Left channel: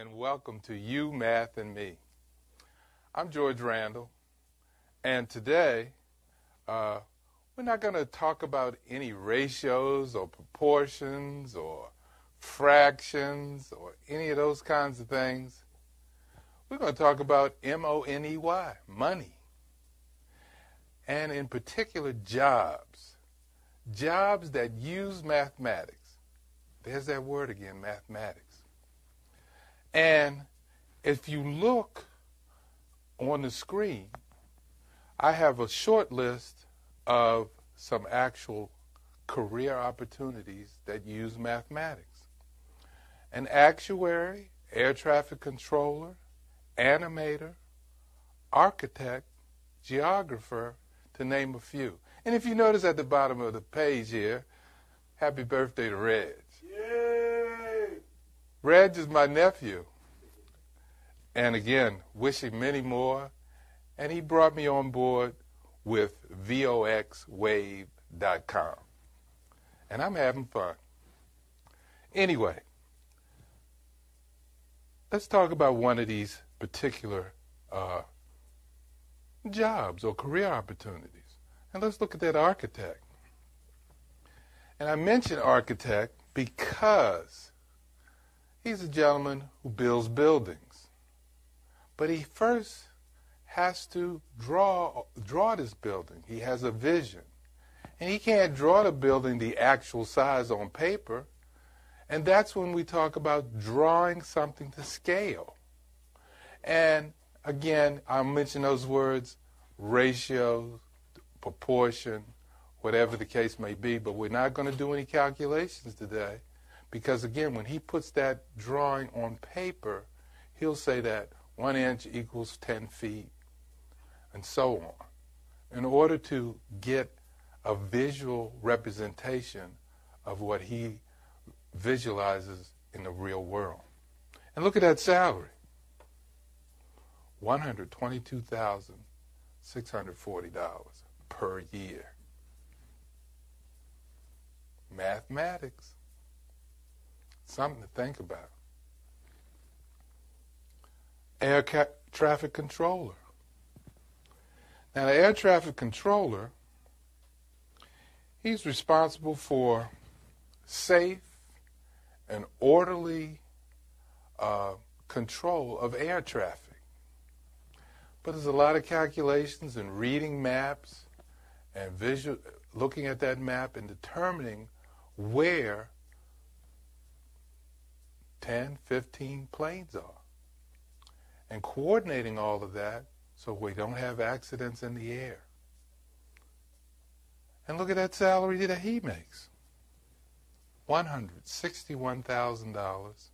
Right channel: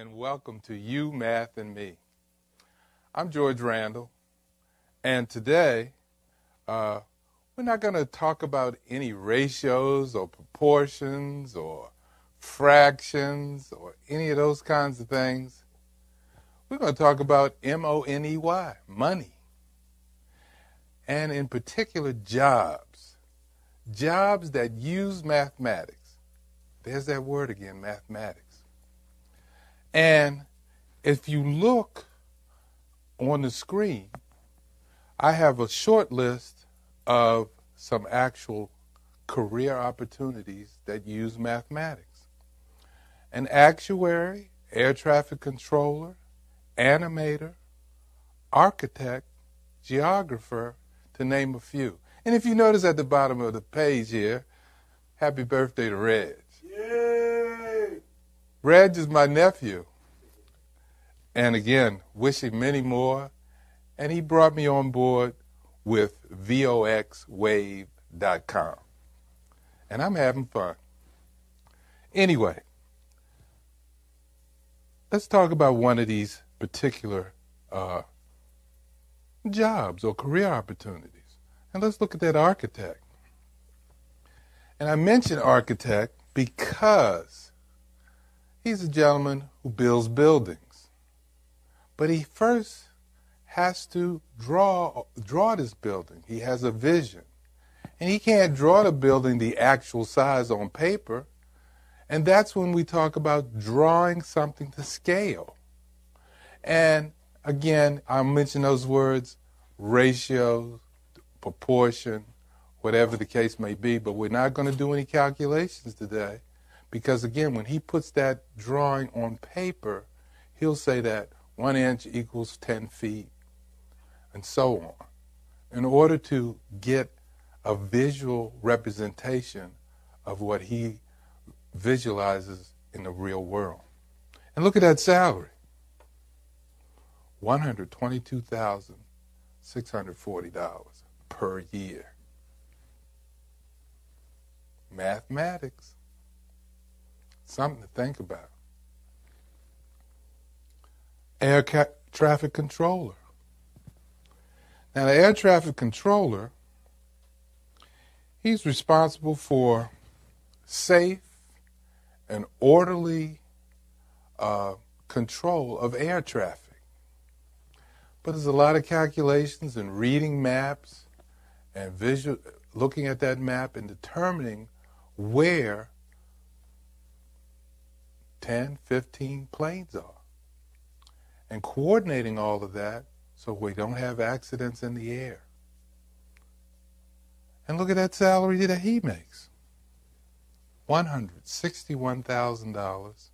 and welcome to You, Math, and Me. I'm George Randall, and today we're not going to talk about any ratios or proportions or fractions or any of those kinds of things. We're going to talk about M-O-N-E-Y, money, and in particular jobs that use mathematics. There's that word again, mathematics. And if you look on the screen, I have a short list of some actual career opportunities that use mathematics. An actuary, air traffic controller, animator, architect, geographer, to name a few. And if you notice at the bottom of the page here, happy birthday to Reg. Yay! Reg is my nephew. And again, wishing many more. And he brought me on board with VOXWave.com. And I'm having fun. Anyway, let's talk about one of these particular jobs or career opportunities. And let's look at that architect. And I mention architect because he's a gentleman who builds buildings. But he first has to draw this building. He has a vision. And he can't draw the building the actual size on paper. And that's when we talk about drawing something to scale. And again, I'll mention those words, ratio, proportion, whatever the case may be, but we're not going to do any calculations today because, again, when he puts that drawing on paper, he'll say that 1 inch equals 10 feet, and so on, in order to get a visual representation of what he visualizes in the real world. And look at that salary, $122,640 per year. Mathematics, something to think about. Air traffic controller. Now, the air traffic controller, he's responsible for safe and orderly control of air traffic. But there's a lot of calculations and reading maps and looking at that map and determining where 10, 15 planes are. And coordinating all of that so we don't have accidents in the air. And look at that salary that he makes. $161,000.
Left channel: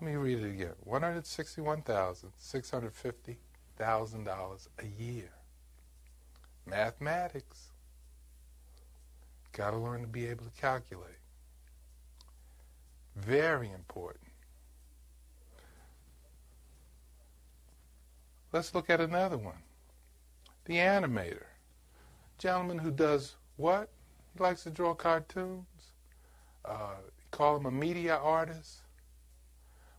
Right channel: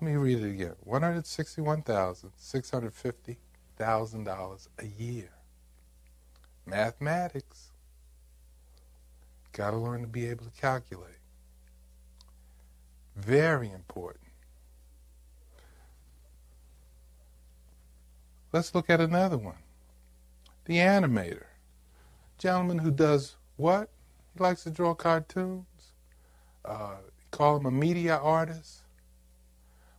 Let me read it again. $161,650 a year. Mathematics. Got to learn to be able to calculate. Very important. Let's look at another one. The animator. Gentleman who does what? He likes to draw cartoons. Call him a media artist.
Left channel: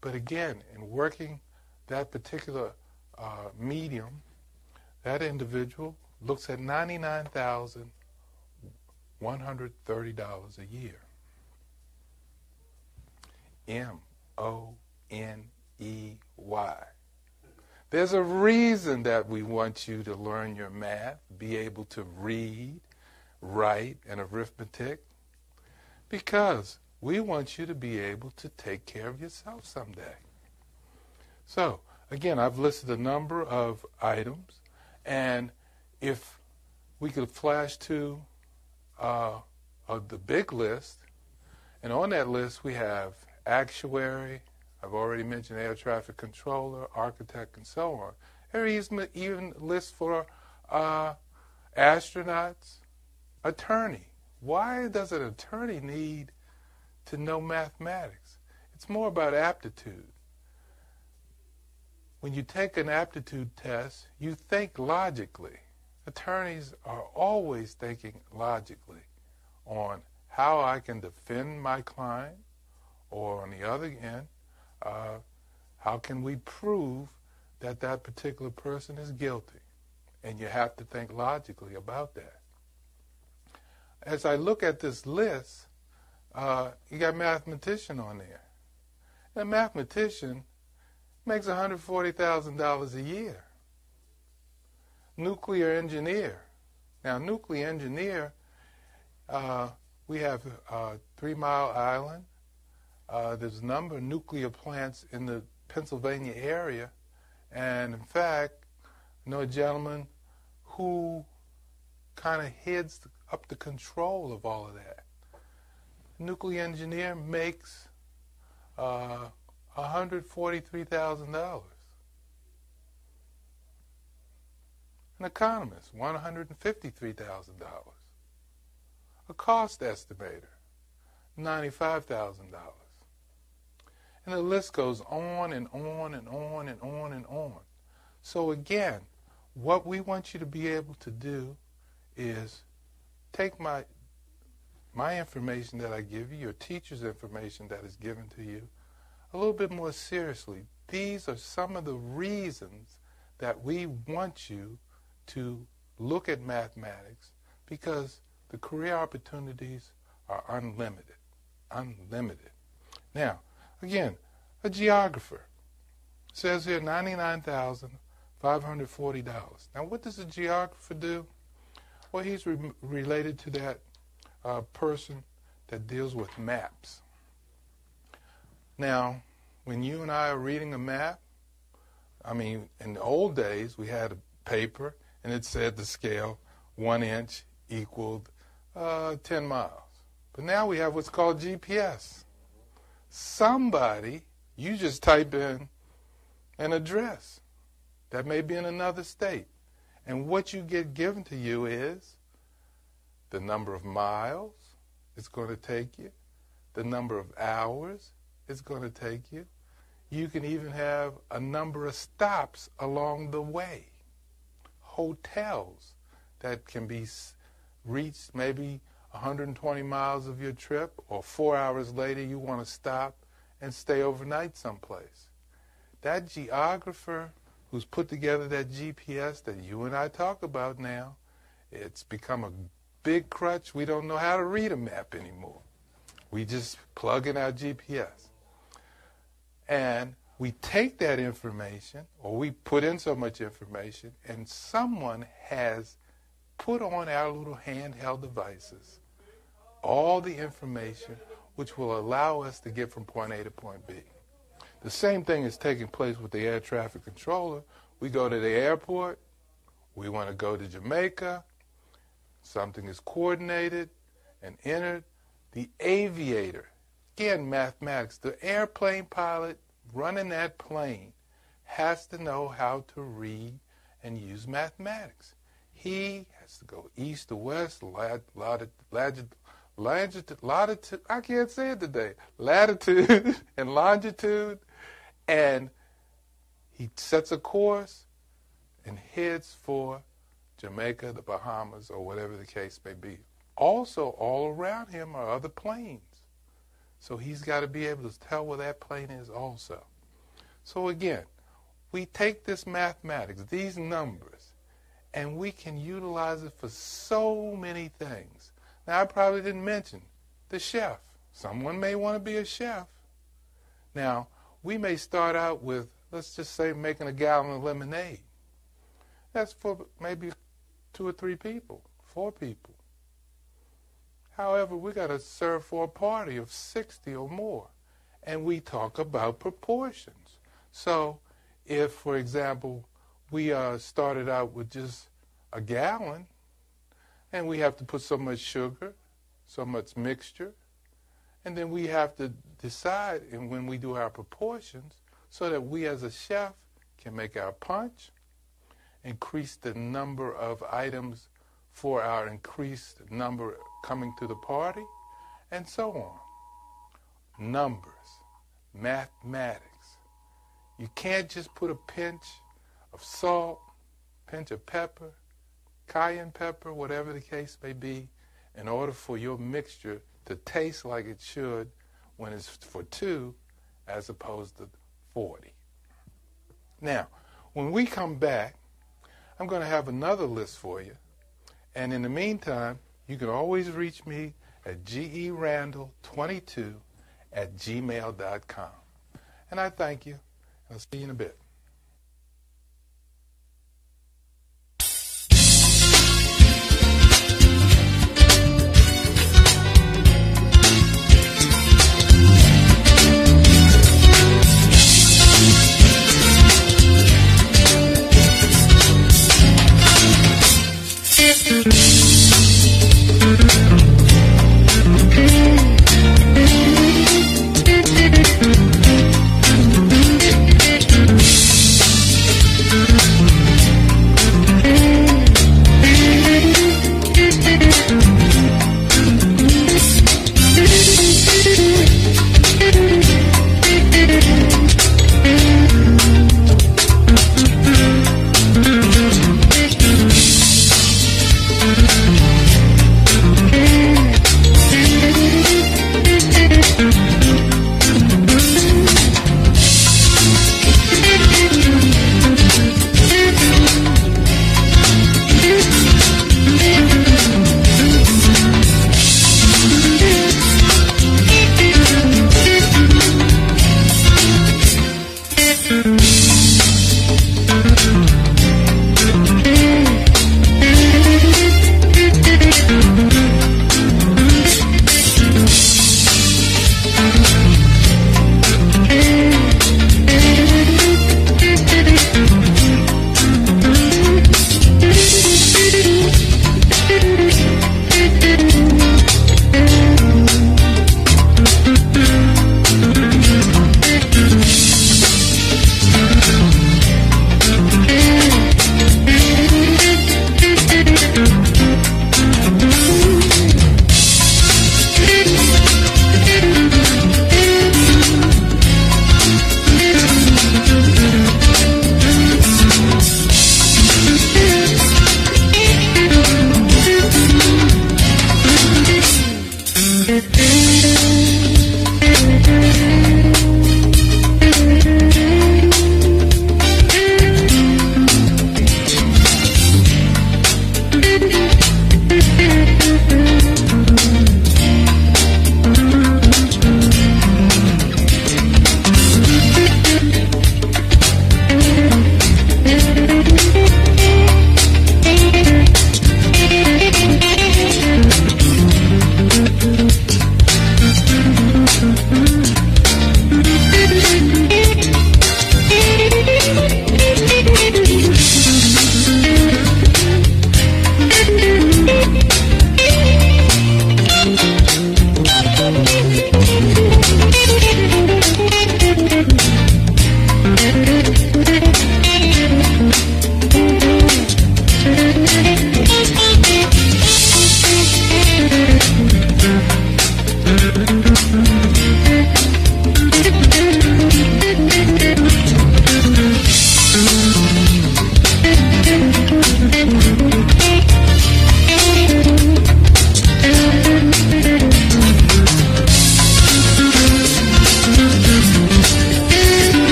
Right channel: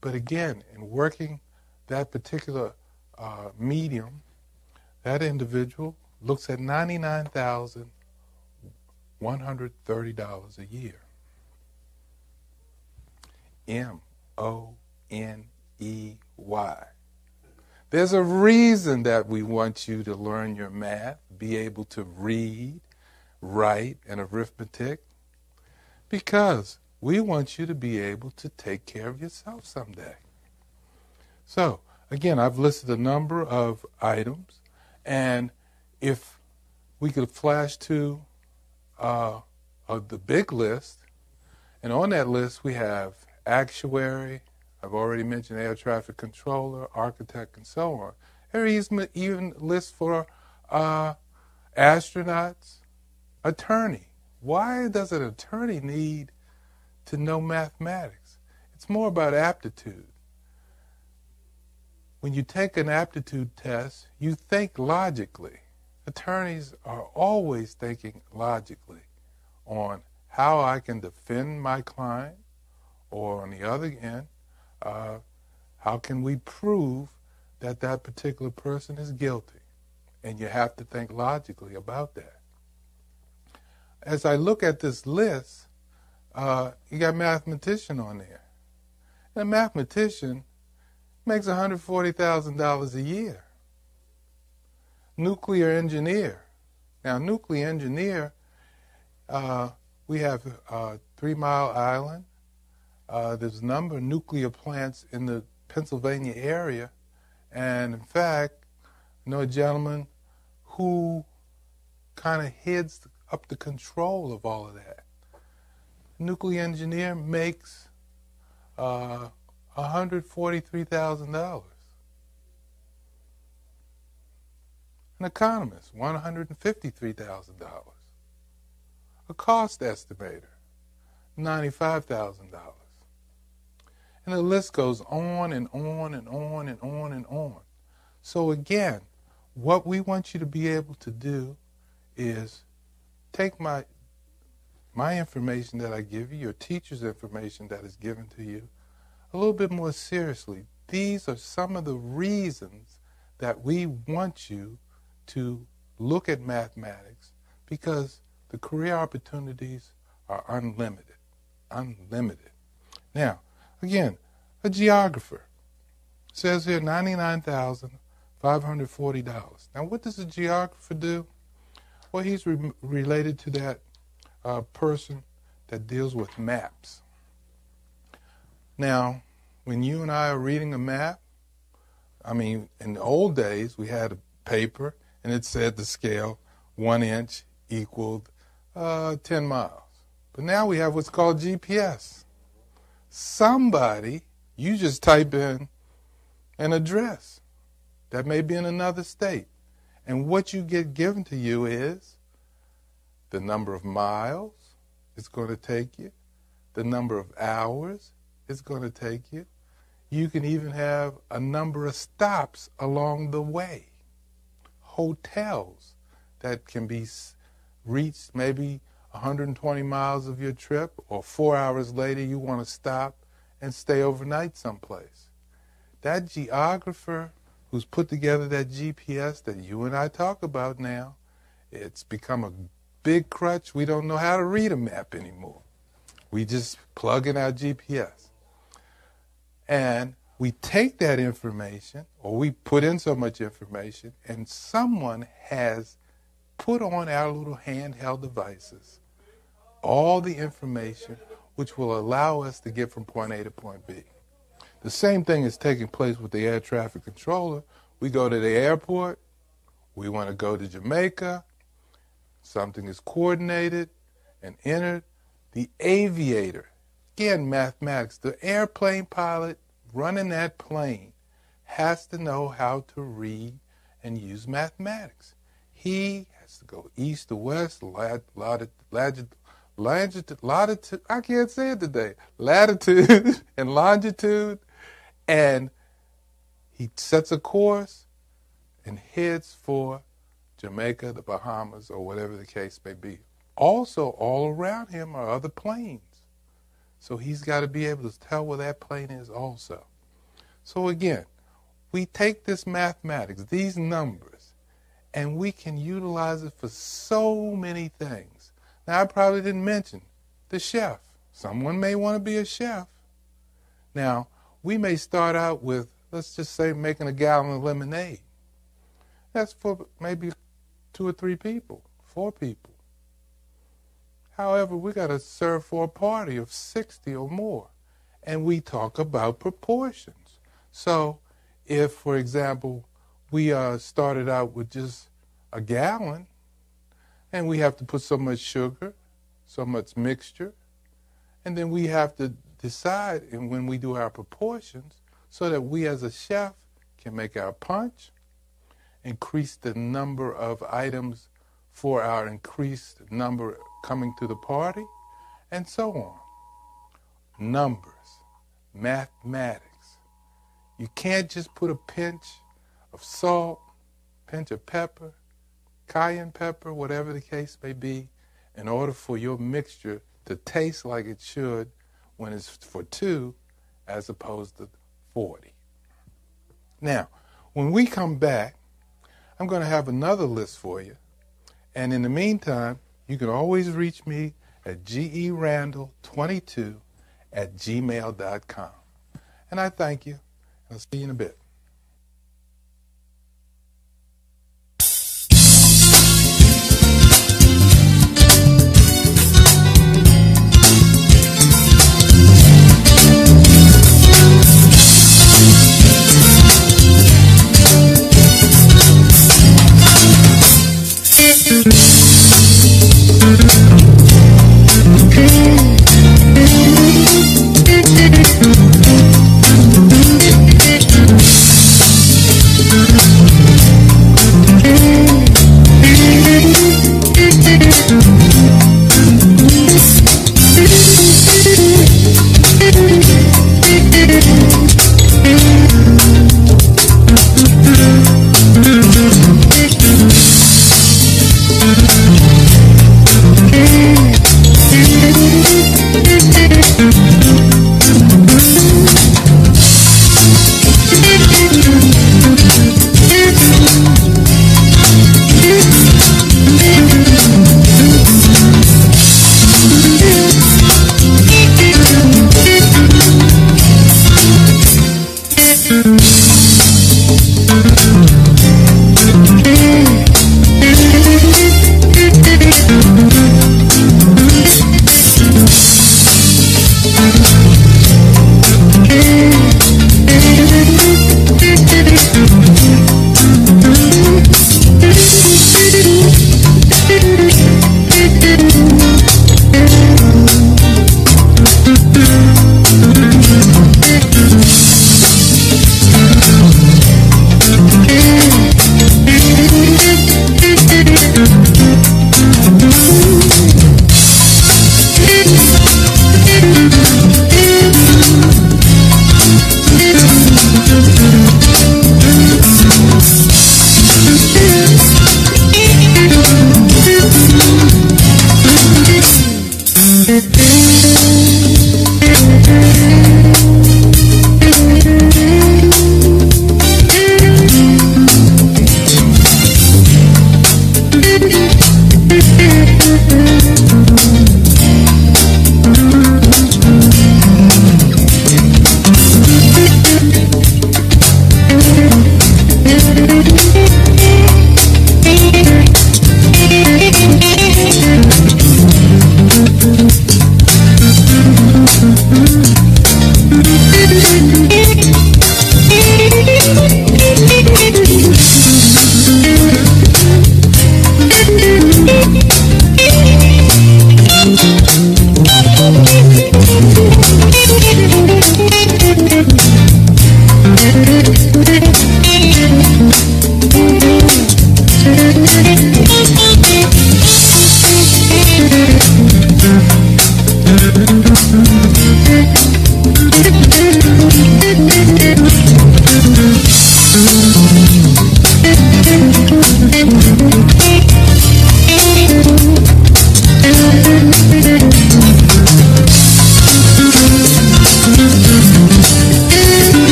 But again, in working that particular medium, that individual looks at $99,130 a year. M-O-N-E-Y. There's a reason that we want you to learn your math, be able to read, write, and arithmetic, because we want you to be able to take care of yourself someday. So, again, I've listed a number of items, and if we could flash to the big list, and on that list we have actuary, I've already mentioned air traffic controller, architect, and so on. There is even lists for astronauts, attorney. Why does an attorney need to know mathematics? It's more about aptitude. When you take an aptitude test, you think logically. Attorneys are always thinking logically on how I can defend my client, or on the other end, how can we prove that that particular person is guilty? And you have to think logically about that. As I look at this list, you got mathematician on there. And a mathematician makes $140,000 a year. Nuclear engineer. Now, nuclear engineer, we have 3 Mile Island. There's a number of nuclear plants in the Pennsylvania area. And in fact, I know a gentleman who kind of heads up the control of all of that. Nuclear engineer makes $143,000. An economist, $153,000. A cost estimator, $95,000. And the list goes on and on and on and on and on. So again, what we want you to be able to do is take my information that I give you, your teacher's information that is given to you, a little bit more seriously. These are some of the reasons that we want you to look at mathematics, because the career opportunities are unlimited. Unlimited. Now, again, a geographer says here $99,540. Now, what does a geographer do? Well, he's related to that person that deals with maps. Now, when you and I are reading a map, I mean, in the old days, we had a paper, and it said the scale 1 inch equaled 10 miles. But now we have what's called GPS. Somebody, you just type in an address that may be in another state, and what you get given to you is the number of miles it's going to take you, the number of hours it's going to take you. You can even have a number of stops along the way. Hotels that can be reached maybe 120 miles of your trip, or 4 hours later you want to stop and stay overnight someplace. That geographer who's put together that GPS that you and I talk about now, it's become a big crutch. We don't know how to read a map anymore. We just plug in our GPS. And we take that information, or we put in so much information, and someone has put on our little handheld devices all the information which will allow us to get from point A to point B. The same thing is taking place with the air traffic controller. We go to the airport. We want to go to Jamaica. Something is coordinated and entered. The aviator, again, mathematics, the airplane pilot running that plane has to know how to read and use mathematics. He has to go east to west, latitude, I can't say it today, latitude and longitude, and he sets a course and heads for Jamaica, the Bahamas, or whatever the case may be. Also, all around him are other planes. So he's got to be able to tell where that plane is also. So again, we take this mathematics, these numbers, and we can utilize it for so many things. Now, I probably didn't mention the chef. Someone may want to be a chef. Now, we may start out with, let's just say, making a gallon of lemonade. That's for maybe 2 or 3 people, 4 people. However, we got to serve for a party of 60 or more, and we talk about proportions. So if, for example, we started out with just a gallon, and we have to put so much sugar, so much mixture, and then we have to decide, and when we do our proportions, so that we as a chef can make our punch, increase the number of items for our increased number coming to the party, and so on. Numbers, mathematics. You can't just put a pinch of salt, pinch of pepper, cayenne pepper, whatever the case may be, in order for your mixture to taste like it should when it's for 2 as opposed to 40. Now, when we come back, I'm going to have another list for you. And in the meantime, you can always reach me at gerandall22@gmail.com. And I thank you. I'll see you in a bit.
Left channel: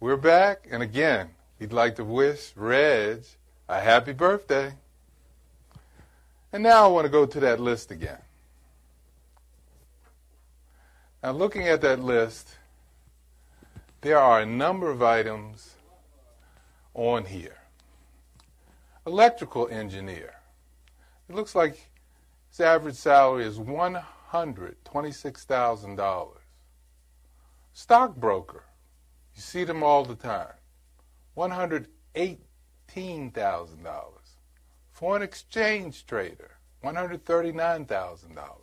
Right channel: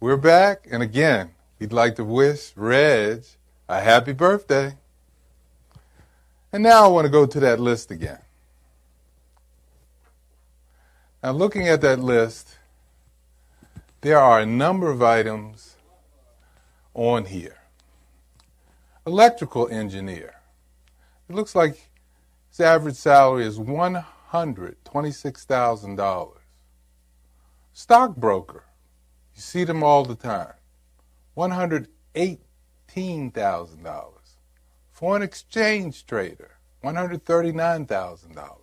We're back, and again, we'd like to wish Reg a happy birthday. And now I want to go to that list again. Now, looking at that list, there are a number of items on here. Electrical engineer. It looks like his average salary is $126,000. Stockbroker. You see them all the time. $118,000. Foreign exchange trader, $139,000.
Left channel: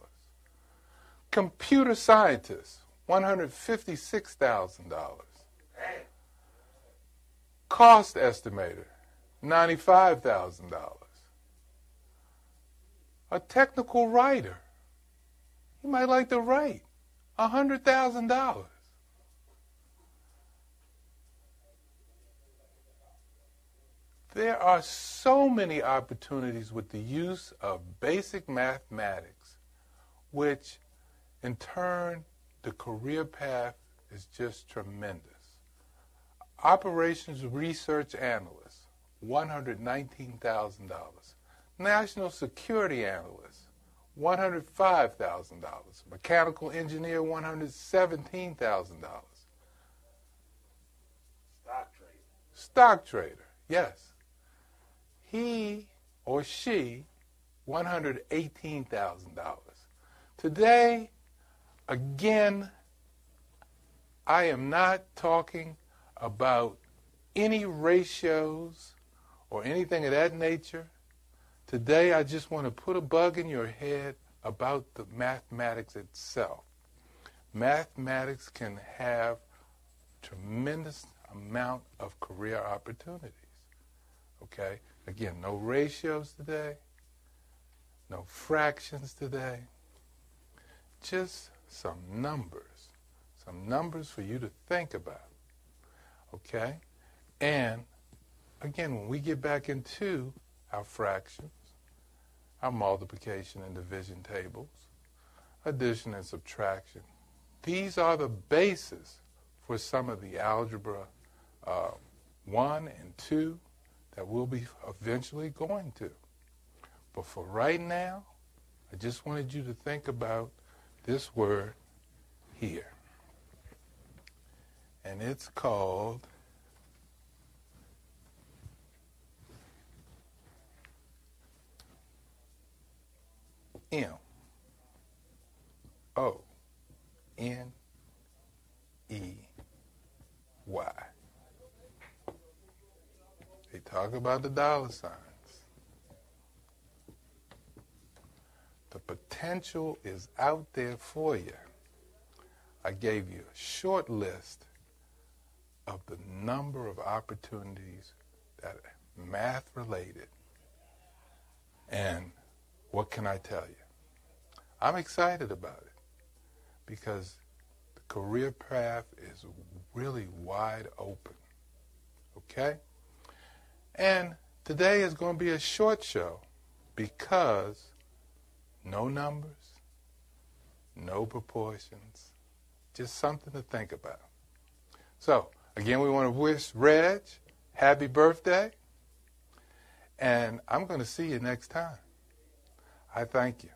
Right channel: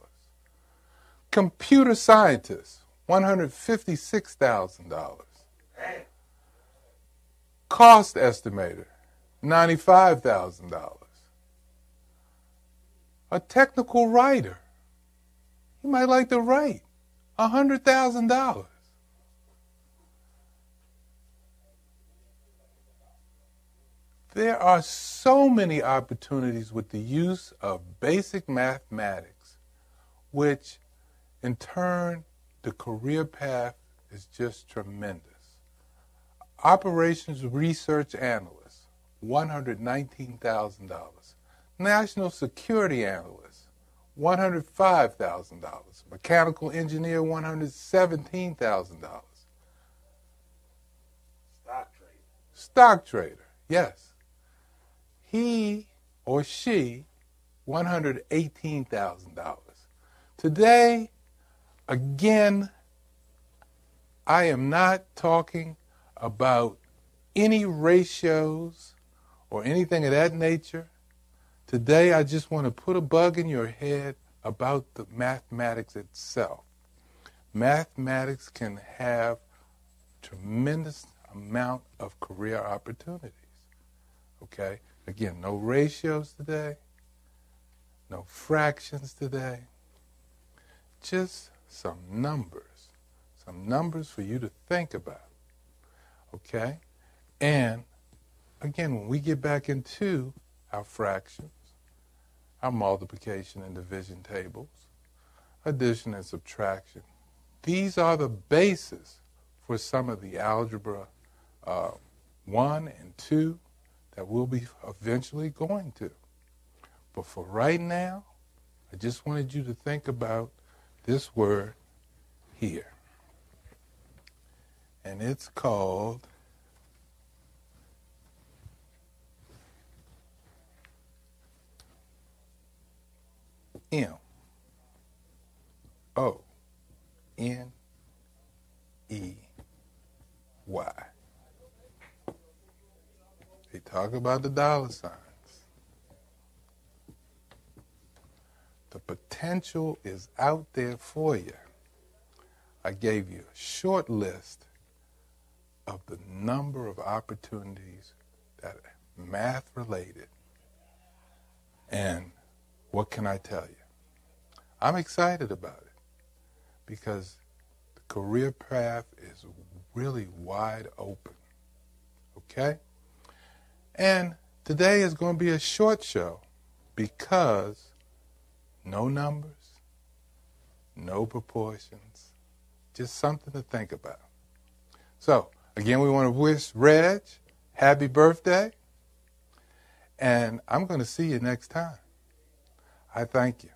Computer scientist, $156,000. Cost estimator, $95,000. A technical writer, you might like to write, $100,000. There are so many opportunities with the use of basic mathematics, which in turn, the career path is just tremendous. Operations research analyst, $119,000. National security analyst, $105,000. Mechanical engineer, $117,000. Stock trader, yes. He or she, $118,000. Today, again, I am not talking about any ratios or anything of that nature. Today, I just want to put a bug in your head about the mathematics itself. Mathematics can have tremendous amount of career opportunities. Okay? Again, no ratios today, no fractions today, just some numbers for you to think about. Okay? And again, when we get back into our fractions, our multiplication and division tables, addition and subtraction, these are the basis for some of the algebra 1 and 2 that we'll be eventually going to. But for right now, I just wanted you to think about this word here. And it's called M-O-N-E-Y. They talk about the dollar signs. The potential is out there for you. I gave you a short list of the number of opportunities that are math related. And what can I tell you? I'm excited about it because the career path is really wide open. Okay? And today is going to be a short show because no numbers, no proportions, just something to think about. So, again, we want to wish Reg happy birthday, and I'm going to see you next time. I thank you.